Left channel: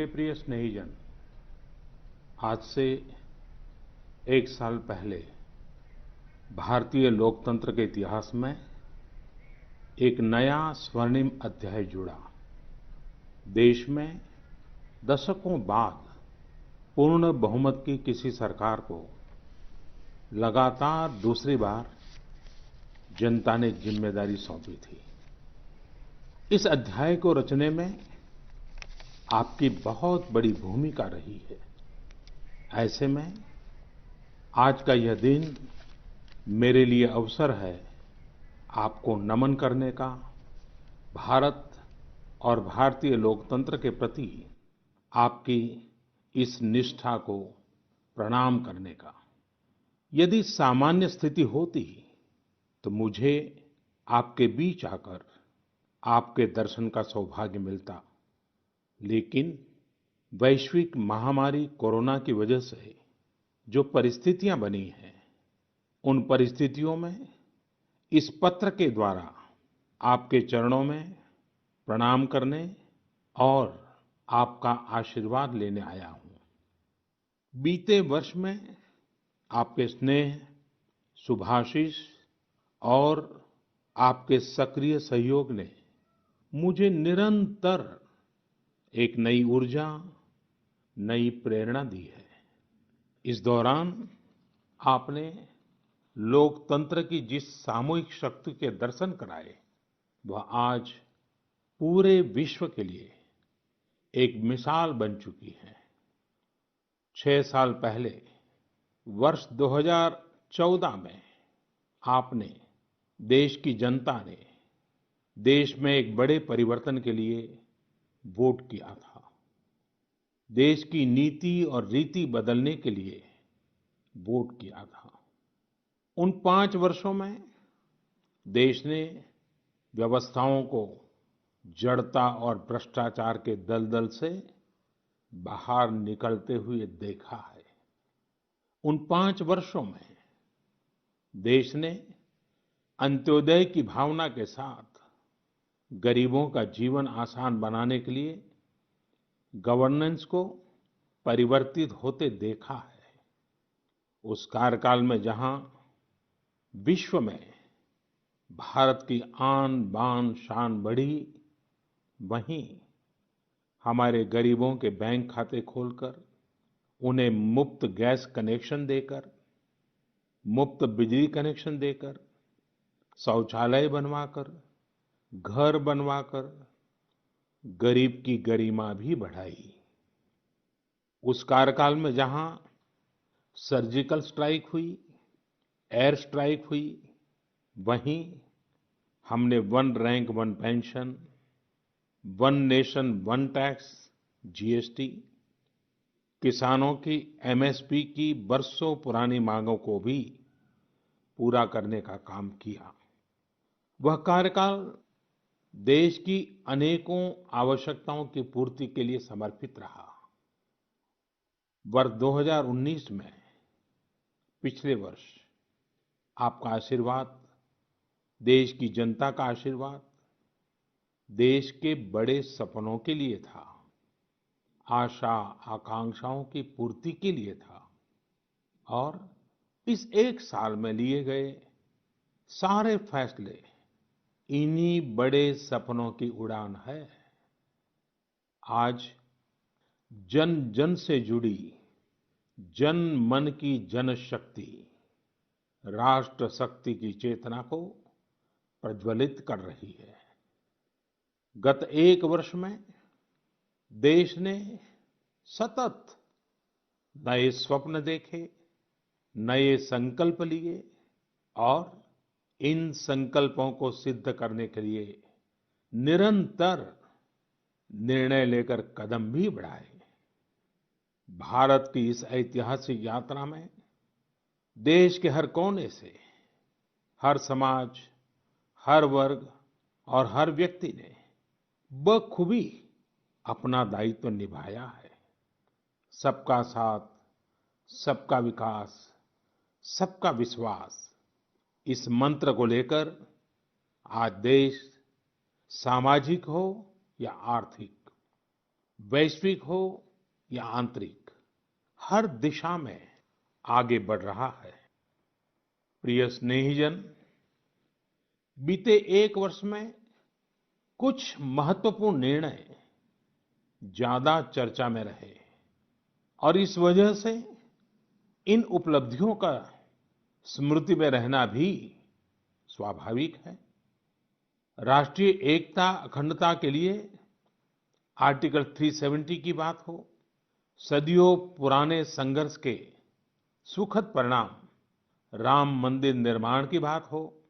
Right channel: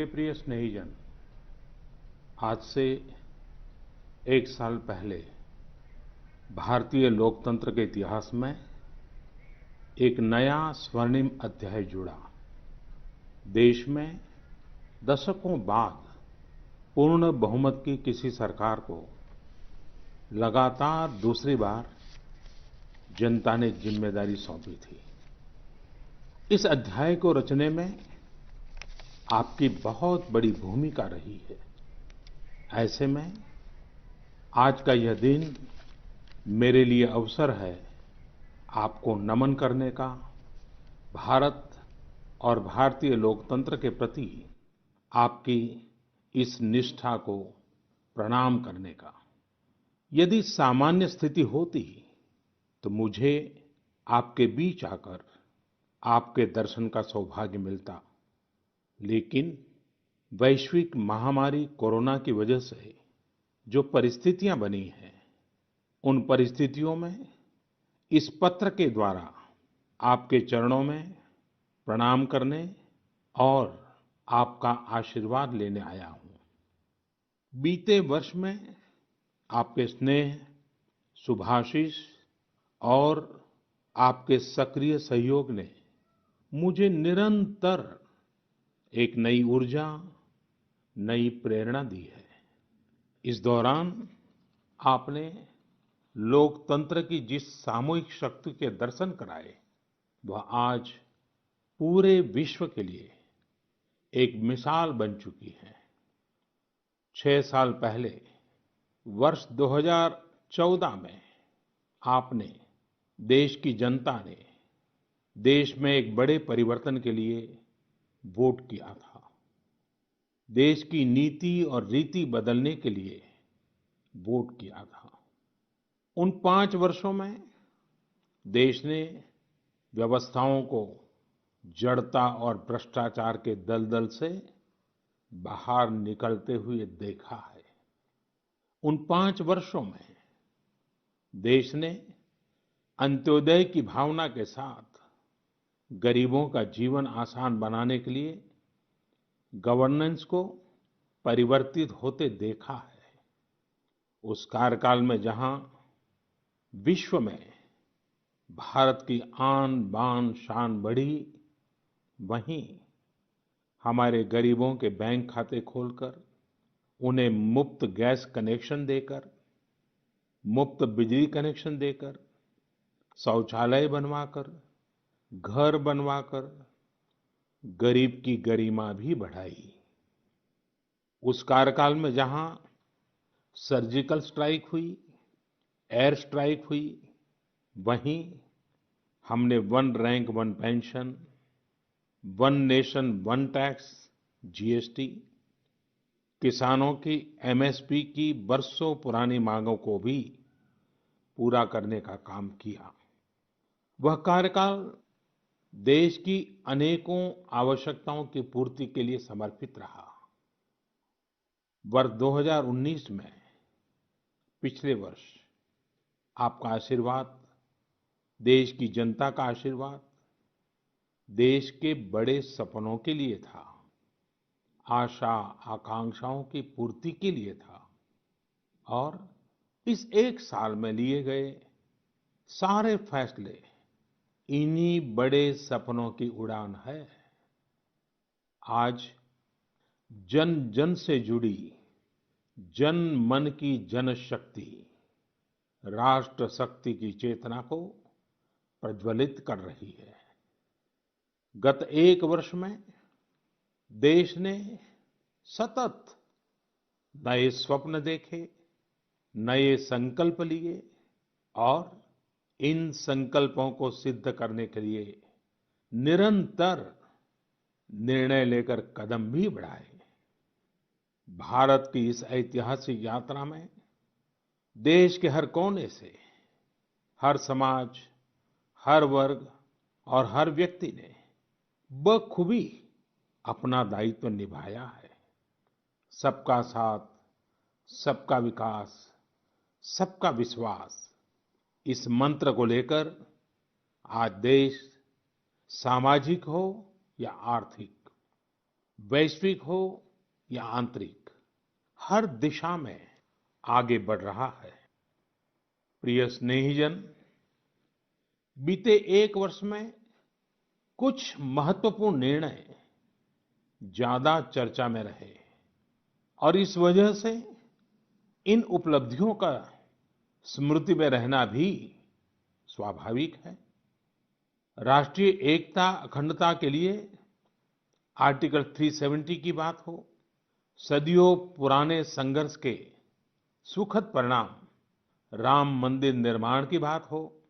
मेरे प्रिय स्नेहीजन, आज से एक साल पहले भारतीय लोकतंत्र के इतिहास में एक नया स्वर्णिम अध्याय जुड़ा। देश में दशकों बाद पूर्ण बहुमत की किसी सरकार को लगातार दूसरी बार जनता ने जिम्मेदारी सौंपी थी। इस अध्याय को रचने में आपकी बहुत बड़ी भूमिका रही है। ऐसे में आज का यह दिन मेरे लिए अवसर है आपको नमन करने का, भारत और भारतीय लोकतंत्र के प्रति आपकी इस निष्ठा को प्रणाम करने का। यदि सामान्य स्थिति होती तो मुझे आपके बीच आकर आपके दर्शन का सौभाग्य मिलता, लेकिन वैश्विक महामारी कोरोना की वजह से जो परिस्थितियां बनी हैं, उन परिस्थितियों में इस पत्र के द्वारा आपके चरणों में प्रणाम करने और आपका आशीर्वाद लेने आया हूं। बीते वर्ष में आपके स्नेह, शुभाशीष और आपके सक्रिय सहयोग ने मुझे निरंतर एक नई ऊर्जा, नई प्रेरणा दी है। इस दौरान आपने लोकतंत्र की जिस सामूहिक शक्ति के दर्शन कराए, वह आज पूरे विश्व के लिए एक मिसाल बन चुकी है। 6 साल पहले वर्ष 2014 में आपने, देश की जनता ने देश में एक बड़े परिवर्तन के लिए वोट किया था। देश की नीति और रीति बदलने के लिए वोट किया था। उन 5 वर्षों में देश ने व्यवस्थाओं को जड़ता और भ्रष्टाचार के दलदल से बाहर निकलते हुए देखा है। उन 5 वर्षों में देश ने अंत्योदय की भावना के साथ गरीबों का जीवन आसान बनाने के लिए गवर्नेंस को परिवर्तित होते देखा है। उस कार्यकाल में जहां विश्व में भारत की आन बान शान बढ़ी, वहीं हमारे गरीबों के बैंक खाते खोलकर, उन्हें मुफ्त गैस कनेक्शन देकर, मुफ्त बिजली कनेक्शन देकर, शौचालय बनवाकर, घर बनवाकर गरीब की गरिमा भी बढ़ाई। उस कार्यकाल में जहां सर्जिकल स्ट्राइक हुई, एयर स्ट्राइक हुई, वहीं हमने one rank one pension, one nation one tax, GST, किसानों की एमएसपी की बरसों पुरानी मांगों को भी पूरा करने का काम किया। वह कार्यकाल देश की अनेकों आवश्यकताओं की पूर्ति के लिए समर्पित रहा। वर्ष 2019 में, पिछले वर्ष, आपका आशीर्वाद, देश की जनता का आशीर्वाद, देश के बड़े सपनों के लिए था, आशा आकांक्षाओं की पूर्ति के लिए था। और इस एक साल में लिए गए सारे फैसले इन्हीं बड़े सपनों की उड़ान है। आज जन जन से जुड़ी जन मन की जनशक्ति राष्ट्र शक्ति की चेतना को प्रज्वलित कर रही है। गत एक वर्ष में देश ने सतत नए स्वप्न देखे, नए संकल्प लिए और इन संकल्पों को सिद्ध करने के लिए निरंतर निर्णय लेकर कदम भी बढ़ाए। भारत की इस ऐतिहासिक यात्रा में देश के हर कोने से, हर समाज, हर वर्ग और हर व्यक्ति ने बखूबी अपना दायित्व निभाया है। सबका साथ, सबका विकास, सबका विश्वास, इस मंत्र को लेकर आज देश सामाजिक हो या आर्थिक, वैश्विक हो या आंतरिक, हर दिशा में आगे बढ़ रहा है। प्रिय स्नेहीजन, बीते एक वर्ष में कुछ महत्वपूर्ण निर्णय ज्यादा चर्चा में रहे और इस वजह से इन उपलब्धियों का स्मृति में रहना भी स्वाभाविक है। राष्ट्रीय एकता अखंडता के लिए आर्टिकल 370 की बात हो, सदियों पुराने संघर्ष के सुखद परिणाम राम मंदिर निर्माण की बात हो,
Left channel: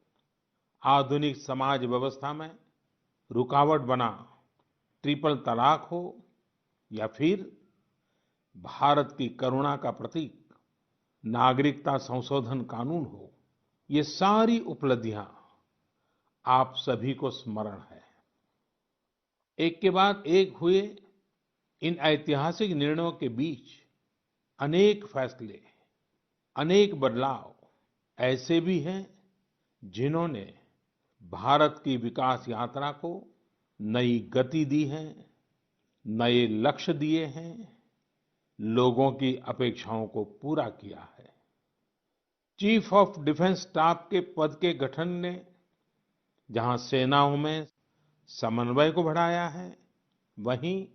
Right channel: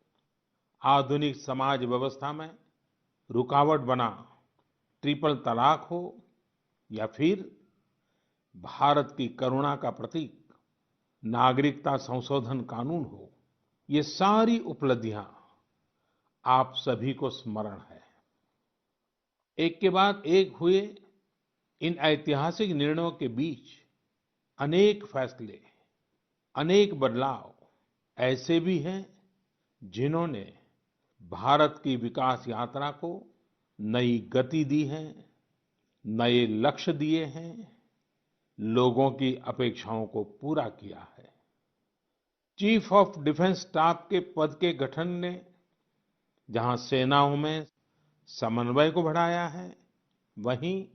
आधुनिक समाज व्यवस्था में रुकावट बना ट्रिपल तलाक हो या फिर भारत की करुणा का प्रतीक नागरिकता संशोधन कानून हो, ये सारी उपलब्धियां आप सभी को स्मरण है। एक के बाद एक हुए इन ऐतिहासिक निर्णयों के बीच अनेक फैसले, अनेक बदलाव ऐसे भी हैं जिन्होंने भारत की विकास यात्रा को नई गति दी है, नए लक्ष्य दिए हैं, लोगों की अपेक्षाओं को पूरा किया है। चीफ ऑफ डिफेंस स्टाफ के पद के गठन ने जहां सेनाओं में समन्वय को बढ़ाया है, वहीं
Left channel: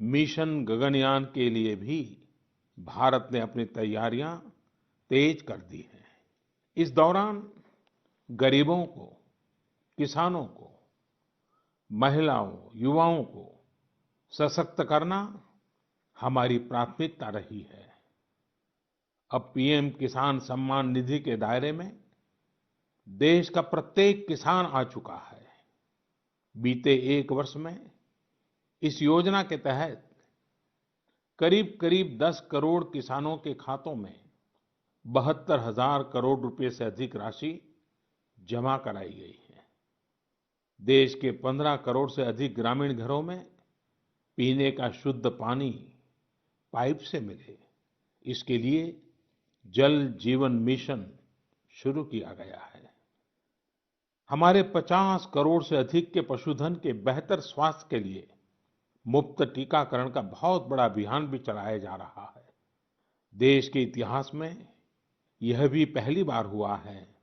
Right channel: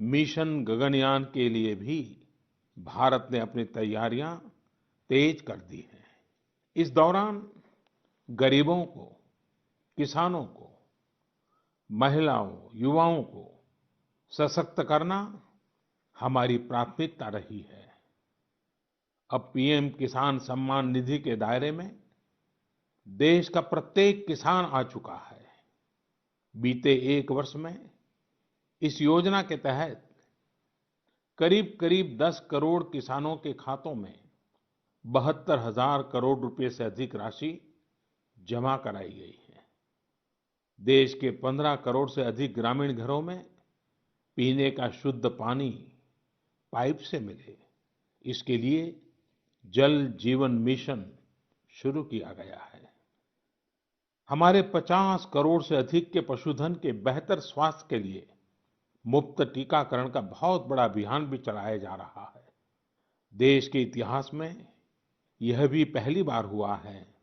मिशन गगनयान के लिए भी भारत ने अपनी तैयारियां तेज कर दी हैं। इस दौरान गरीबों को, किसानों को, महिलाओं, युवाओं को सशक्त करना हमारी प्राथमिकता रही है। अब पीएम किसान सम्मान निधि के दायरे में देश का प्रत्येक किसान आ चुका है। बीते एक वर्ष में इस योजना के तहत करीब-करीब 10 करोड़ किसानों के खातों में 72,000 करोड़ रुपए से अधिक राशि जमा कराई गई है। देश के 15 करोड़ से अधिक ग्रामीण घरों में पीने का शुद्ध पानी पाइप से मिले, इसके लिए जल जीवन मिशन शुरू किया गया है। हमारे 50 करोड़ से अधिक के पशुधन के बेहतर स्वास्थ्य के लिए मुफ्त टीकाकरण का बहुत बड़ा अभियान भी चलाया जा रहा है। देश के इतिहास में यह भी पहली बार हुआ है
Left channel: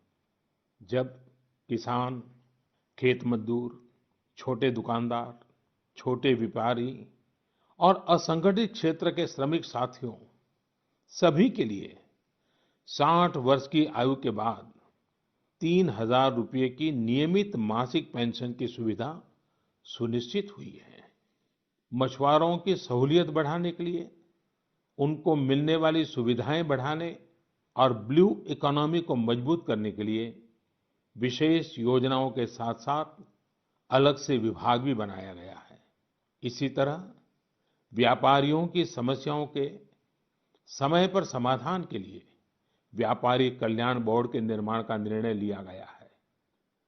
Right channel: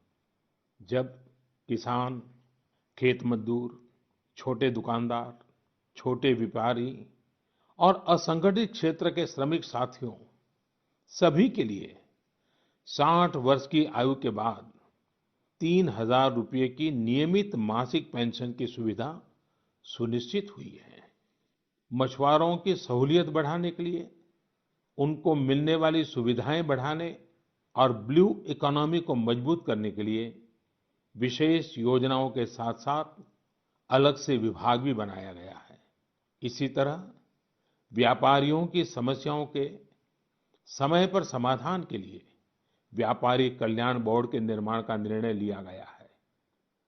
जब किसान, खेत मजदूर, छोटे दुकानदार, छोटे व्यापारी और असंगठित क्षेत्र के श्रमिक साथियों सभी के लिए 60 वर्ष की आयु के बाद 3,000 रुपये की नियमित मासिक पेंशन की सुविधा सुनिश्चित हुई है। मछुआरों की सहूलियत बढ़ाने के लिए, उनको मिलने वाली सुविधाएं बढ़ाने और ब्लू इकोनॉमी को मजबूत करने के लिए विशेष योजनाओं के साथ-साथ अलग से विभाग भी बनाया गया है। इसी तरह व्यापारियों की समस्याओं के समय पर समाधान के लिए व्यापारी कल्याण बोर्ड के निर्माण का निर्णय लिया गया है।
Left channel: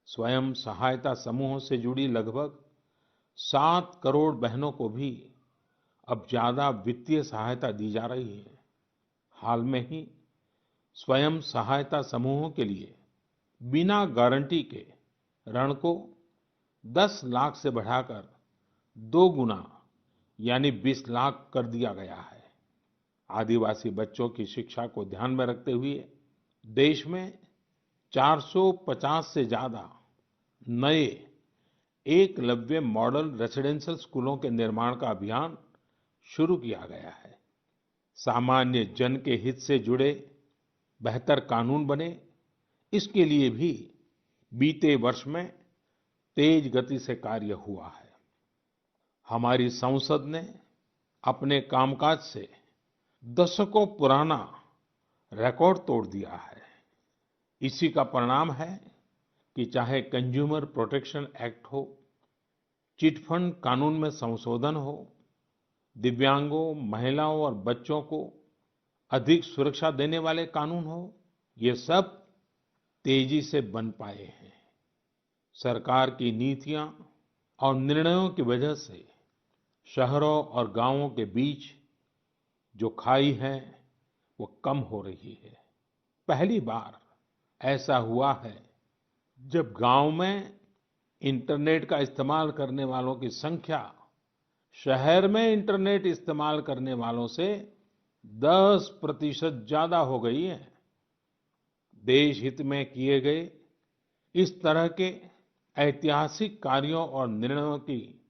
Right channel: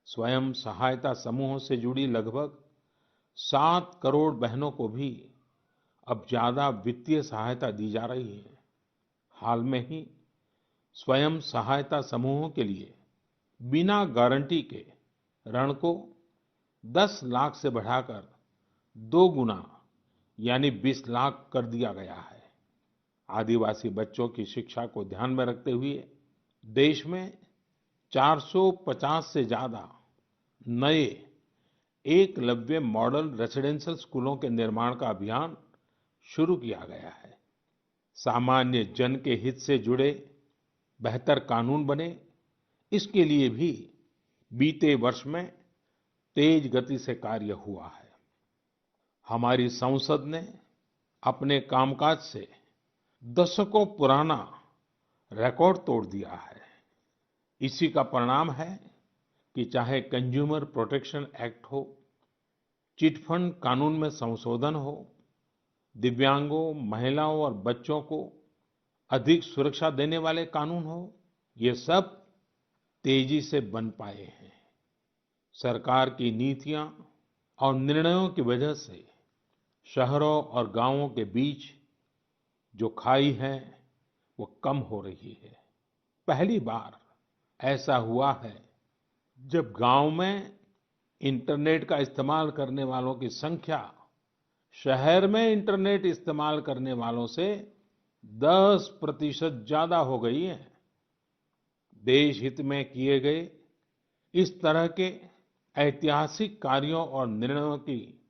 स्वयं सहायता समूहों से जुड़ी लगभग 7 करोड़ बहनों को भी अब ज्यादा वित्तीय सहायता दी जा रही है। हाल में ही स्वयं सहायता समूहों के लिए बिना गारंटी के ऋण को 10 लाख से बढ़ाकर 2 गुना यानी 20 लाख कर दिया गया है। आदिवासी बच्चों की शिक्षा को ध्यान में रखते हुए देश में 450 से ज्यादा नए एकलव्य मॉडल रेसिडेंशियल स्कूलों के निर्माण का अभियान शुरू किया गया है। सामान्य जन के हित से जुड़े बेहतर कानून बने, इसके लिए भी बीते वर्ष में तेज गति से कार्य हुआ है। हमारी संसद ने अपने कामकाज से दशकों पुराना रिकॉर्ड तोड़ दिया है। इसी का परिणाम है कि चाहे कंज्यूमर प्रोटेक्शन एक्ट हो, चिट फंड कानून में संशोधन हो, दिव्यांगों, महिलाओं और बच्चों को अधिक सुरक्षा देने वाले कानून हो, ये सब तेजी से बन पाए हैं। सरकार की नीतियां और निर्णयों की वजह से शहरों और गांवों के बीच जो खाई है, वो कम हो रही है। पहली बार ऐसा हुआ है जब गांव में इंटरनेट का इस्तेमाल करने वालों की संख्या शहर में इंटरनेट इस्तेमाल करने वालों से 10% ज्यादा हो गई है। देश हित में किए गए इस तरह के ऐतिहासिक कार्यों और निर्णयों की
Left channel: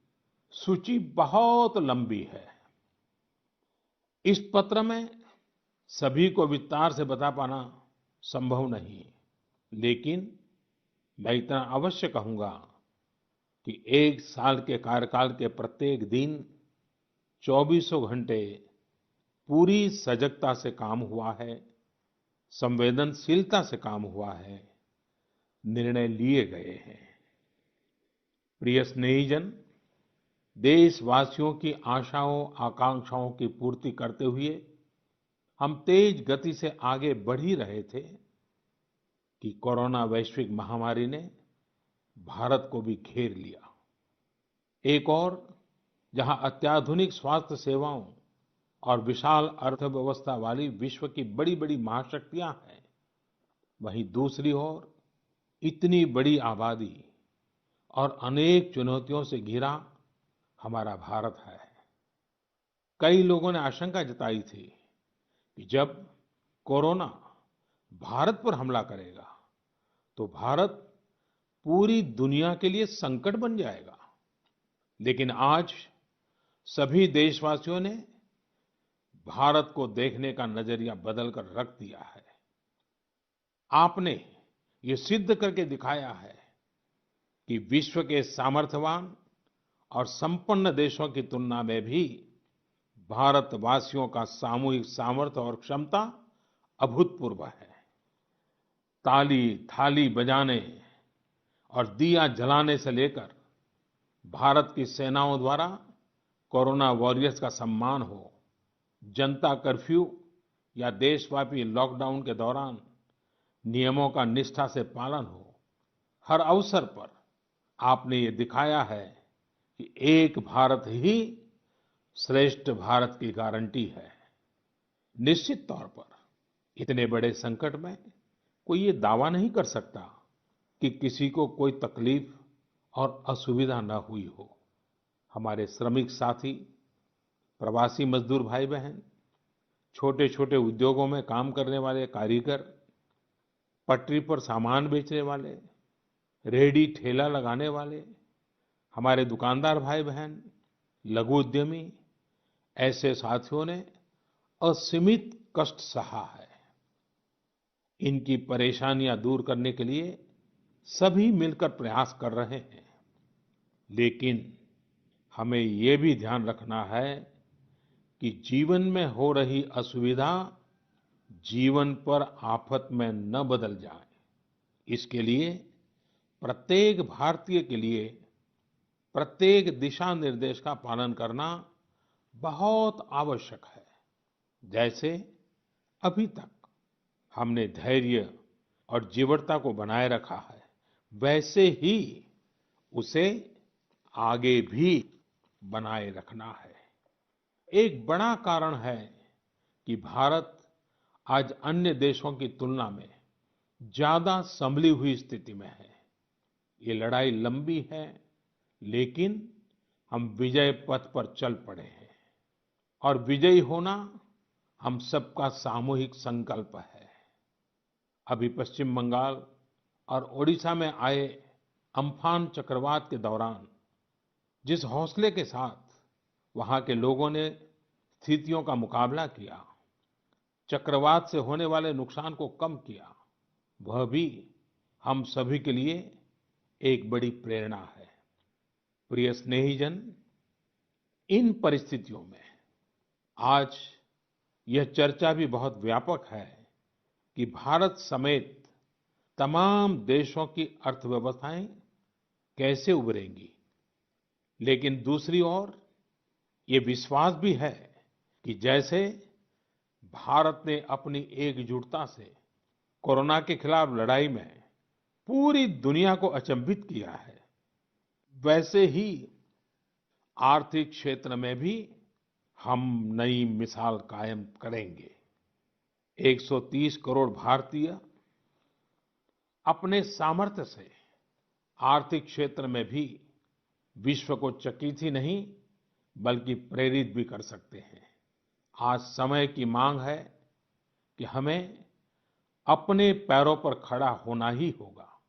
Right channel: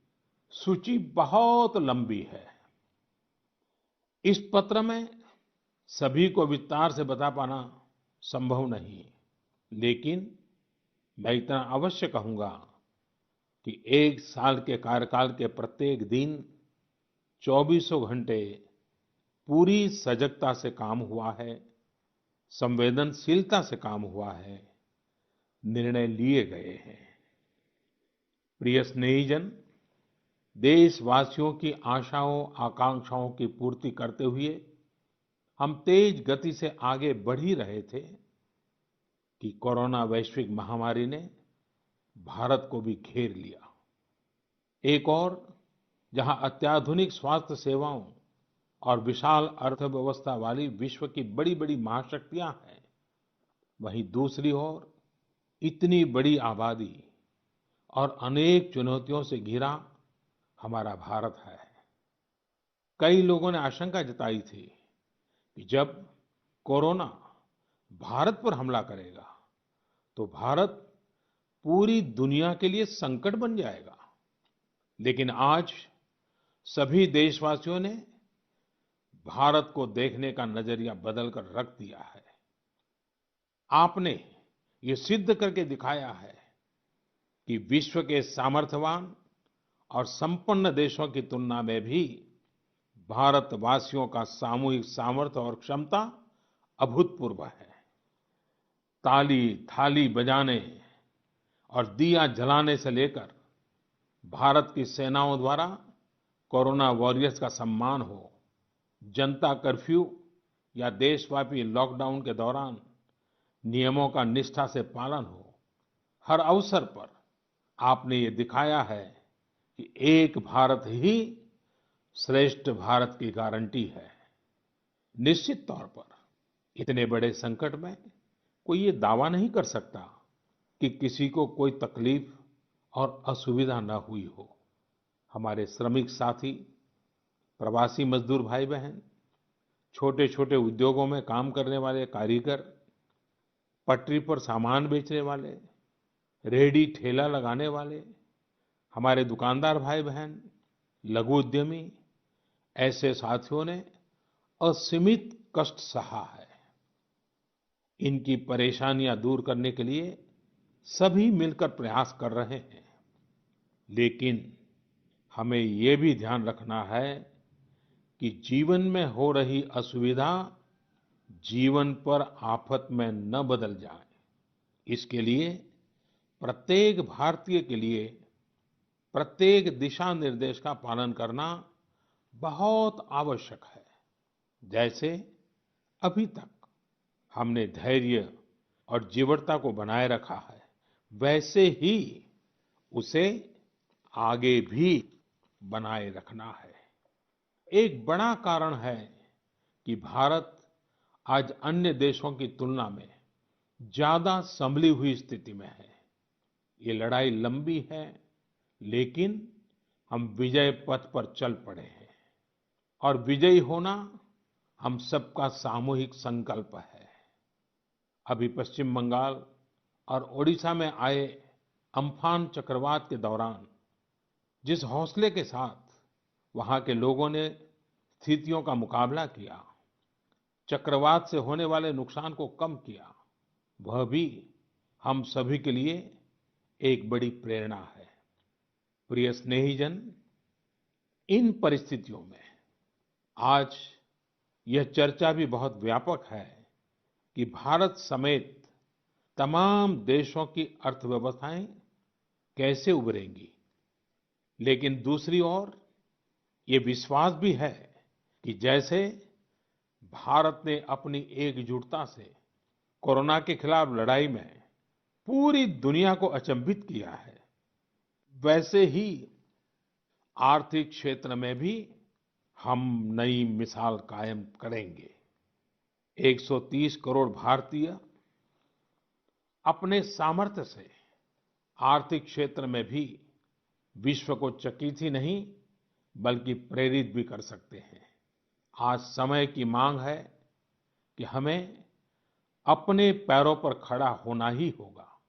सूची बहुत लंबी है। इस पत्र में सभी को विस्तार से बता पाना संभव नहीं, लेकिन मैं इतना अवश्य कहूंगा कि एक साल के कार्यकाल के प्रत्येक दिन चौबीसों घंटे पूरी सजगता से काम हुआ है, संवेदनशीलता से काम हुआ है, निर्णय लिए गए हैं। प्रिय स्नेहीजन, देशवासियों की आशाओं आकांक्षाओं की पूर्ति करते हुए हम तेज गति से आगे बढ़ ही रहे थे कि कोरोना वैश्विक महामारी ने भारत को भी घेर लिया। एक और जहां अत्याधुनिक स्वास्थ्य सेवाओं और विशाल अर्थव्यवस्था वाली विश्व की बड़ी-बड़ी महाशक्तियां हैं, वहीं दूसरी ओर इतनी बड़ी आबादी और अनेक चुनौतियों से घिरा हमारा भारत है। कई लोगों ने आशंका जताई थी कि जब कोरोना भारत पर हमला करेगा तो भारत पूरी दुनिया के लिए संकट बन जाएगा। लेकिन आज सभी देशवासियों ने भारत को देखने का नजरिया बदल कर रख दिया है। आपने ये सिद्ध करके दिखाया है कि विश्व के सामर्थ्यवान और संपन्न देशों की तुलना में भी भारतवासियों का सामूहिक सामर्थ्य और क्षमता अभूतपूर्व है। ताली थाली बजाने और दिया जलाने से लेकर भारत की सेनाओं द्वारा कोरोना वॉरियर्स का सम्मान हो, जनता कर्फ्यू या देशव्यापी लॉकडाउन के दौरान नियमों का निष्ठा से पालन हो, हर अवसर पर आपने ये दिखाया है कि एक भारत ही श्रेष्ठ भारत की गारंटी है। निश्चित तौर पर इतने बड़े संकट में कोई ये दावा नहीं कर सकता कि किसी को कोई तकलीफ और असुविधा न हुई हो। हमारे श्रमिक साथी, प्रवासी मजदूर भाई बहन, छोटे-छोटे उद्योगों में काम करने वाले कारीगर, पटरी पर सामान बेचने वाले, रेहड़ी ठेला लगाने वाले, हमारे दुकानदार भाई बहन, लघु उद्यमी, ऐसे साथियों ने असीमित कष्ट सहा है। इनकी परेशानियां दूर करने के लिए सभी मिलकर प्रयास कर रहे हैं। लेकिन हमें ये भी ध्यान रखना है कि जीवन में हो रही असुविधा जीवन पर आफत में न बदल जाए। इसके लिए प्रत्येक भारतीय के लिए प्रत्येक दिशा निर्देश का पालन करना बहुत आवश्यक है। जैसे अभी तक हमने धैर्य और जीवटता को बनाए रखा है, वैसे ही उसे आगे भी बनाए रखना है। एक बड़ा कारण है कि भारत आज अन्य देशों की तुलना में ज्यादा संभली हुई स्थिति में है। ये लड़ाई लंबी है, लेकिन हम विजय पथ पर चल पड़े हैं और विजयी होना हम सबका सामूहिक संकल्प है। अभी पश्चिम बंगाल और ओडिशा में आए अम्फान चक्रवात के दौरान जिस हौसले के साथ वहां के लोगों ने स्थितियों का मुकाबला किया, चक्रवात से होने वाले नुकसान को कम किया, वह भी हम सभी के लिए एक बड़ी प्रेरणा है। प्रिय स्नेहीजन, इन परिस्थितियों में आज यह चर्चा भी बहुत व्यापक है कि भारत समेत तमाम देशों की अर्थव्यवस्थाएं कैसे उभरेंगी। लेकिन दूसरी ओर ये विश्वास भी है कि जैसे भारत ने अपनी एकजुटता से कोरोना के खिलाफ लड़ाई में पूरी दुनिया को अचंभित किया है, वैसे ही आर्थिक क्षेत्र में भी हम नई मिसाल कायम करेंगे। 130 करोड़ भारतीय अपने सामर्थ्य से आर्थिक क्षेत्र में भी विश्व को चकित ही नहीं बल्कि प्रेरित भी कर सकते हैं। आज समय की मांग है कि हमें अपने पैरों पर खड़ा होना ही होगा,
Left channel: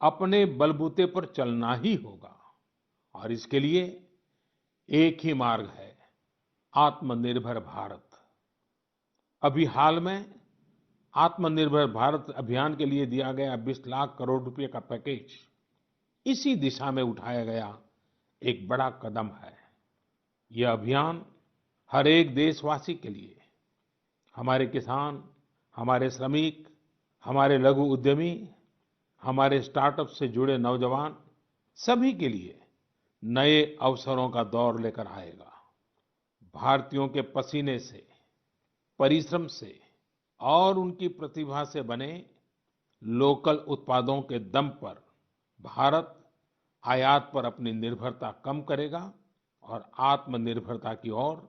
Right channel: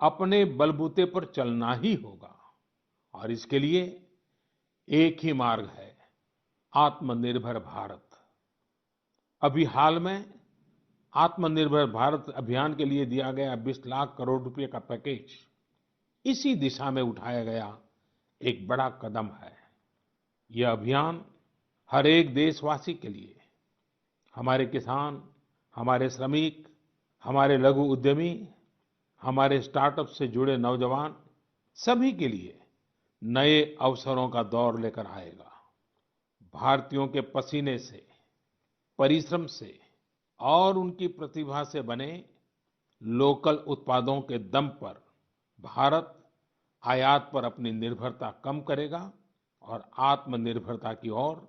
अपने बलबूते पर चलना ही होगा और इसके लिए एक ही मार्ग है, आत्मनिर्भर भारत। अभी हाल में आत्मनिर्भर भारत अभियान के लिए दिया गया 20 लाख करोड़ रुपए का पैकेज इसी दिशा में उठाया गया एक बड़ा कदम है। यह अभियान हर एक देशवासी के लिए, हमारे किसान, हमारे श्रमिक, हमारे लघु उद्यमी, हमारे स्टार्टअप से जुड़े नौजवान, सभी के लिए नए अवसरों का दौर लेकर आएगा। भारतीयों के पसीने से, परिश्रम से और उनकी प्रतिभा से बने लोकल उत्पादों के दम पर भारत आयात पर अपनी निर्भरता कम करेगा और आत्मनिर्भरता की ओर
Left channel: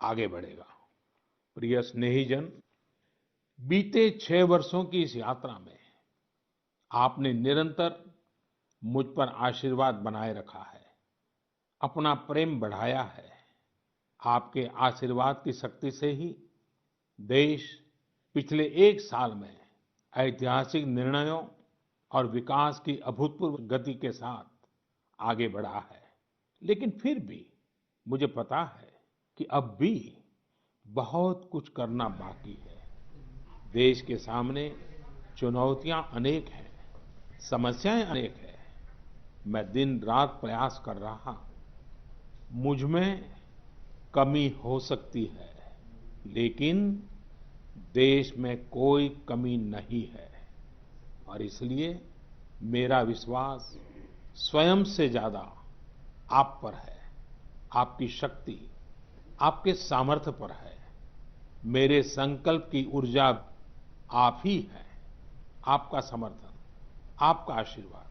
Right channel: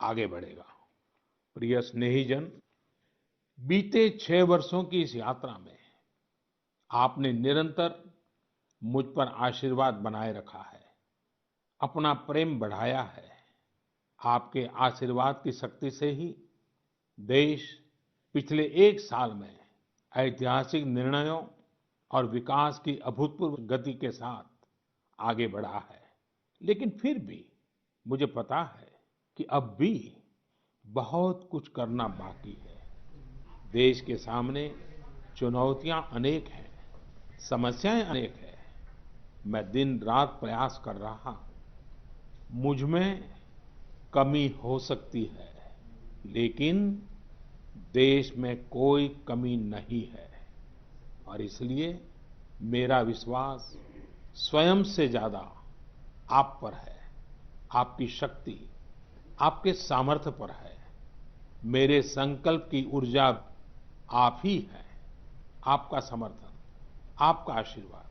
आगे बढ़ेगा। प्रिय स्नेहीजन, बीते 6 वर्षों की इस यात्रा में आपने निरंतर मुझ पर आशीर्वाद बनाए रखा है, अपना प्रेम बढ़ाया है। आपके आशीर्वाद की शक्ति से ही देश पिछले 1 साल में ऐतिहासिक निर्णयों और विकास की अभूतपूर्व गति के साथ आगे बढ़ा है। लेकिन फिर भी मुझे पता है कि अब भी बहुत कुछ करना बाकी है। देश के सामने चुनौतियां अनेक हैं, समस्याएं अनेक हैं। मैं दिन रात प्रयास कर रहा हूं। मुझ में कमी हो सकती है, लेकिन देश में कोई कमी नहीं है और इसलिए मेरा विश्वास स्वयं से ज्यादा आप पर है, आपकी शक्ति, आपके सामर्थ्य पर है। मेरे संकल्प की ऊर्जा आप ही है, आपका समर्थन, आपका आशीर्वाद,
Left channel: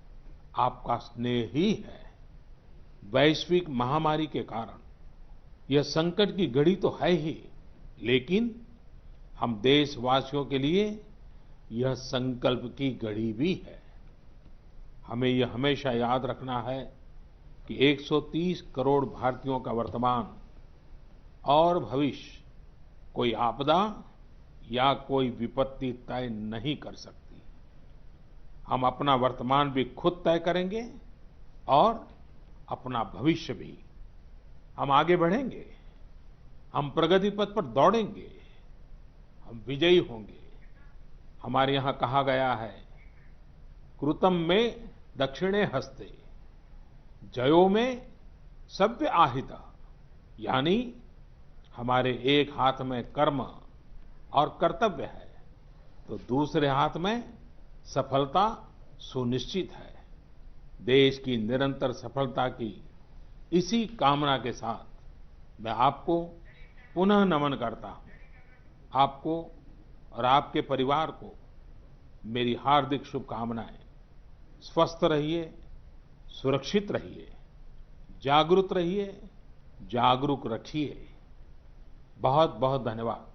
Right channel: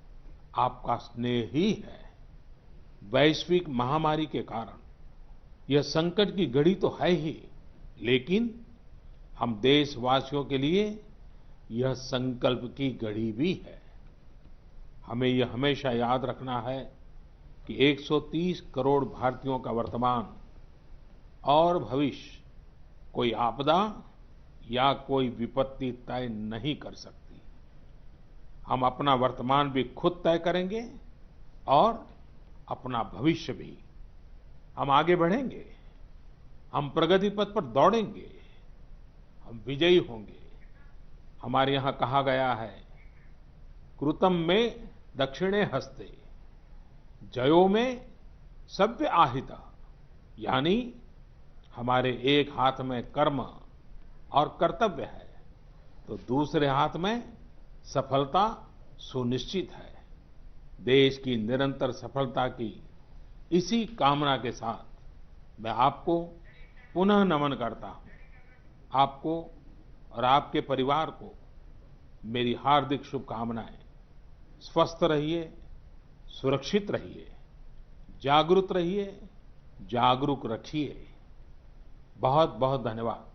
आपका स्नेह ही है। वैश्विक महामारी के कारण यह संकट की घड़ी तो है ही, लेकिन हम देशवासियों के लिए यह संकल्प की घड़ी भी है। हमें यह हमेशा याद रखना है कि 130 करोड़ भारतीयों का वर्तमान और भविष्य कोई आपदा या कोई विपत्ति तय नहीं कर सकती। हम अपना वर्तमान भी खुद तय करेंगे और अपना भविष्य भी। हम आगे बढ़ेंगे, हम प्रगति पथ पर दौड़ेंगे, हम विजयी होंगे। हमारे यहां कहा गया है, कृतम में दक्षिणे हस्ते, जयो में सव्य आहिता। यानी हमारे एक हाथ में कर्म और कर्तव्य है, तो दूसरे हाथ में सफलता सुनिश्चित है। देश की निरंतर सफलता की इसी कामना के साथ मैं आपको पुनः नमन करता हूं। आपको और आपके परिवार को मेरी हार्दिक शुभकामनाएं। स्वस्थ रहिए, सुरक्षित रहिए, जागरूक रहिए, जागरूक रखिए। बहुत बहुत धन्यवाद।